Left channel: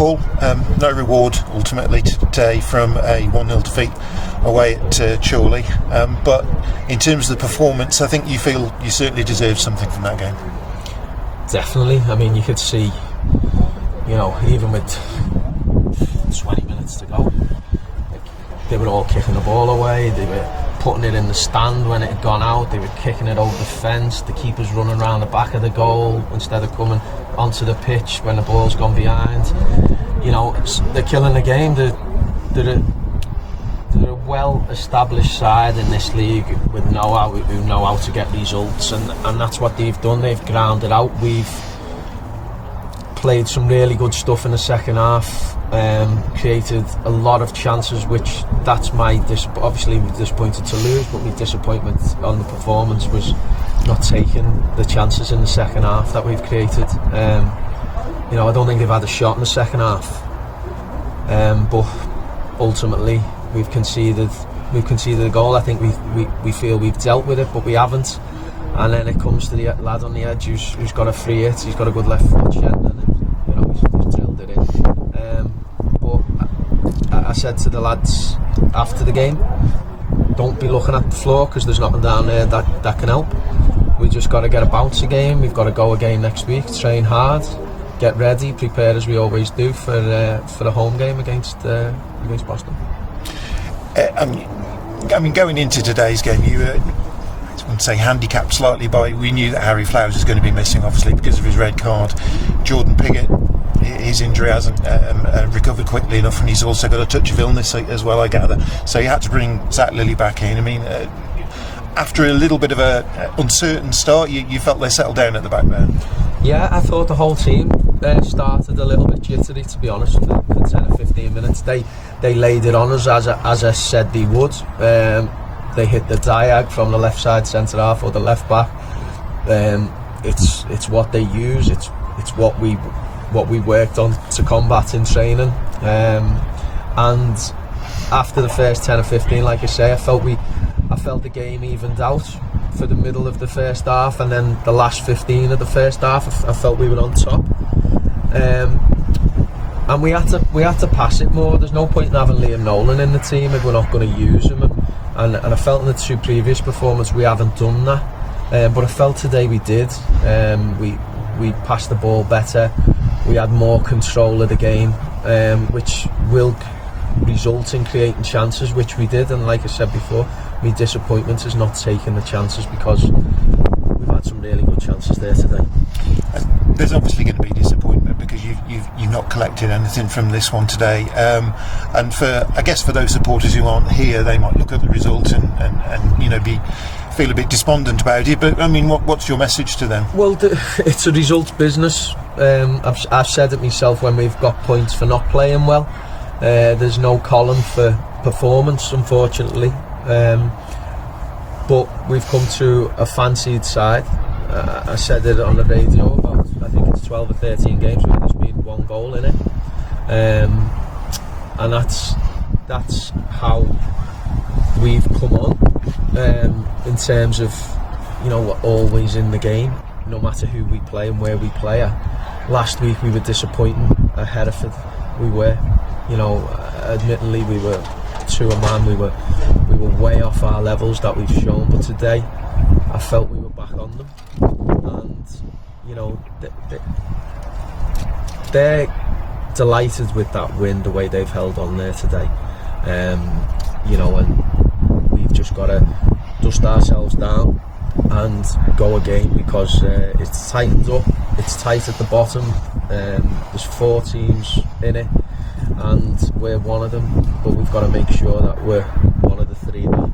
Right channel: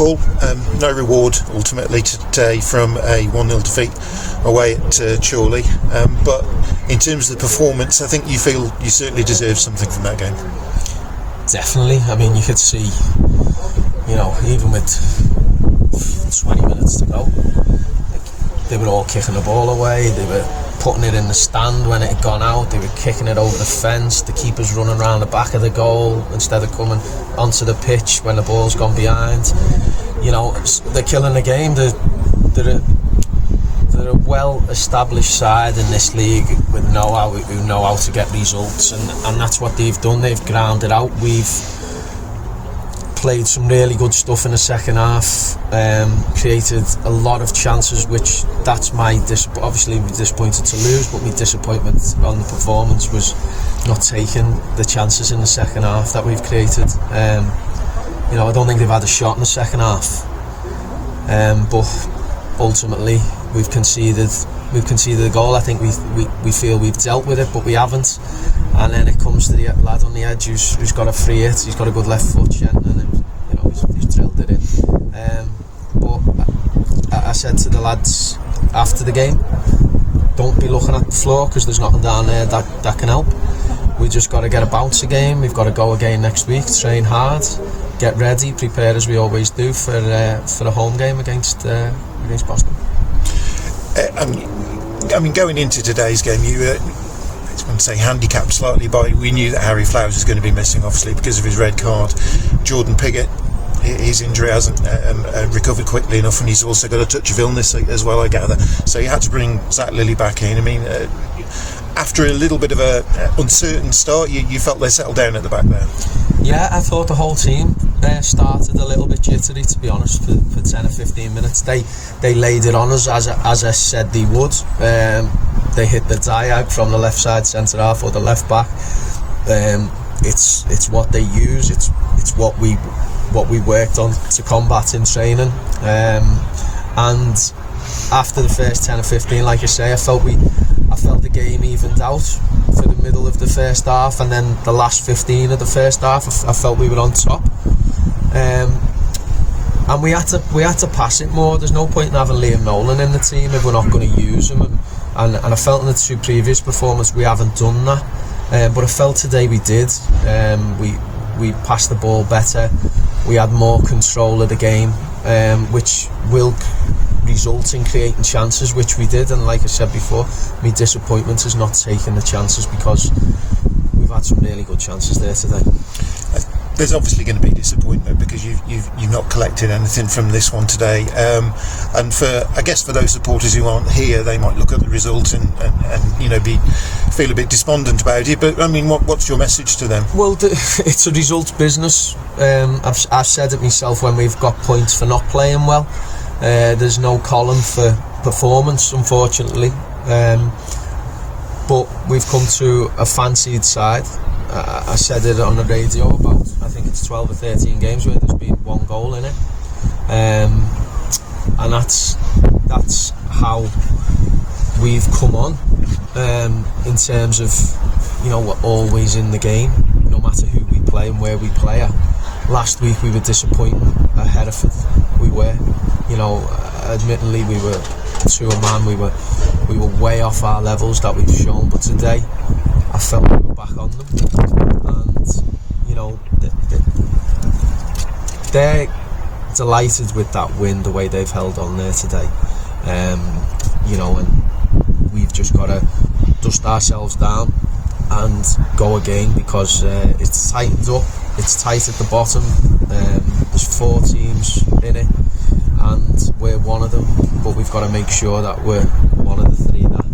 Paul, no reward ultimately today from a 1-0 defeat away at Chorley, but in terms of the performance, I think you feel you certainly deserve something from that game. Definitely. I mean, you could see, even with 20 minutes to go, they were all kicking the ball away, they were putting it in the stand when it had gone out, they were kicking it over the fence, the keeper's running around the back of the goal instead of coming onto the pitch when the ball's gone behind. They're killing the game. They're a well-established side in this league with who know how to get results, and that's what they've done. They've ground it out. We've played some really good stuff in the second half, created a lot of chances, which that's obviously we're disappointed to lose, but my disappointment on the performance was not taking the chances in the second half that we've created. I don't think they've had a shot in the second half, but ultimately we've conceded a goal. I think we feel we've dealt with it, but we haven't. And then it comes to the lad on the edge who's got a free hit. He's got a good left foot, and he's drilled it in. But I said to the lads after the game, don't be looking at the floor because there's nothing down there that can help. We just got to get a bounce again. We've got to go again next week, train hard, get ready, prepare as we always do for a home game against Boston. Going into today's game, you were, I wouldn't say handicapped slightly by, we knew that Harry Flowers is going to be missing, obviously, because of his red card. Jordan Piggott, his injury hasn't recovered quickly enough, and he's also got a touch of illness as well, I gather. So you had to bring Zach Lilly back in. After a little bit of a uncertain start, you felt they settled down at the back there. Yeah, I thought the whole team started a little bit jittery, to be honest, for 10 or 15 minutes. They laid it on us as I said they would. They hit the diag from the left side centre half or the left back. It's what they use. It's what we worked on to combat in training. And after the first 10 or 15, like I say, I felt the game evened out for the middle of the first half, and then the last 15 of the first half, I felt we were on top. And we had to pass it more. There's no point in having Liam Nolan in the team if we're not going to use him. And I felt in the two previous performances we haven't done that. But I felt today we did. We passed the ball better. We had more control of the game, which will result in creating chances, which we did. And like I said before, my disappointment is not taking the chances, because we've had some really good chances there today. There's obviously going to be disappointment because you've not collected anything from this one today, and I guess for those supporters who aren't here, they might look at the result and feel a bit despondent about it. But what's your message to them? Well, it's a results business. I've said it myself when we've got points for not playing well. There's no column for performance, unfortunately, but we've come to a fancied side. I said it on the radio about, I think it's 12 or 13 games where there's been one goal in it, and that's how we've come on, in terms of, we're always in the game no matter who we play and where we play at. Last week we were disappointing at Hereford. We were, admittedly we were to a man, we were way off our levels that we've shown, but today I felt we were back on them, and they're delighted with that win, the way they've held on there today, and we've just got to dust ourselves down and go again, because it's tightened up, it's tight at the bottom. There's 4 teams in it and we're one of them, but we've got to make sure that we're one of the 3 that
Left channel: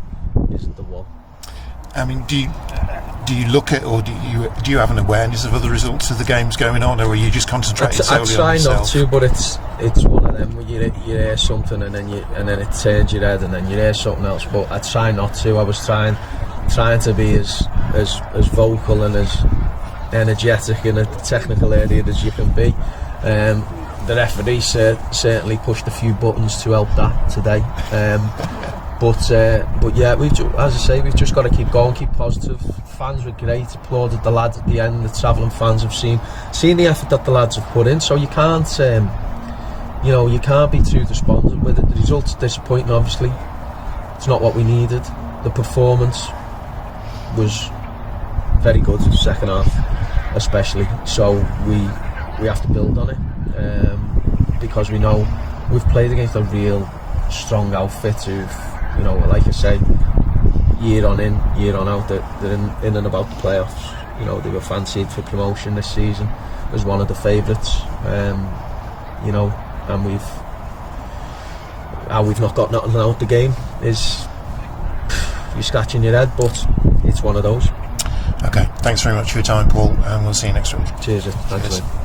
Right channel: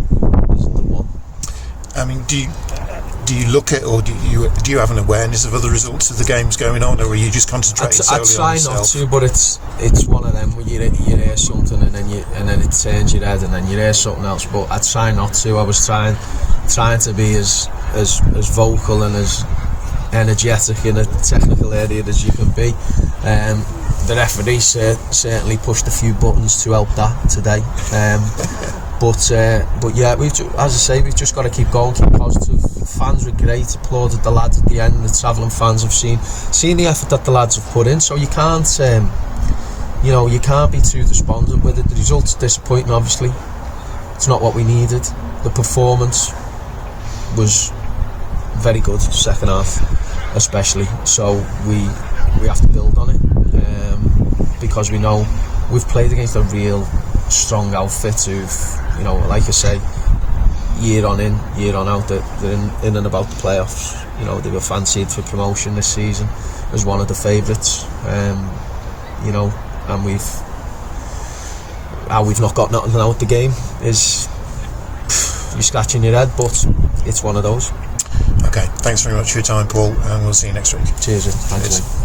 isn't the one. Do you look at, or do you have an awareness of other results of the games going on, or are you just concentrating solely on yourself? I try not to, but it's one of them where you hear something and then it turns your head, and then you hear something else. But I try not to. I was trying to be as vocal and as energetic in a technical area as you can be. The referee certainly pushed a few buttons to help that today. But yeah, as I say, we've just got to keep going, keep positive. Fans were great, applauded the lads at the end. The travelling fans have seen the effort that the lads have put in. So you can't you know, you can't be too despondent with it. The result's disappointing, obviously. It's not what we needed. The performance was very good, second half especially. So we have to build on it, because we know we've played against a real strong outfit who've, you know, like I say, year on in, year on out, they're in and about the playoffs. You know, they were fancied for promotion this season as one of the favourites. You know, and we've not got nothing out the game is, you're scratching your head, but it's one of those. Okay, thanks very much for your time, Paul, and we'll see you next week. Cheers. Thanks. Cheers.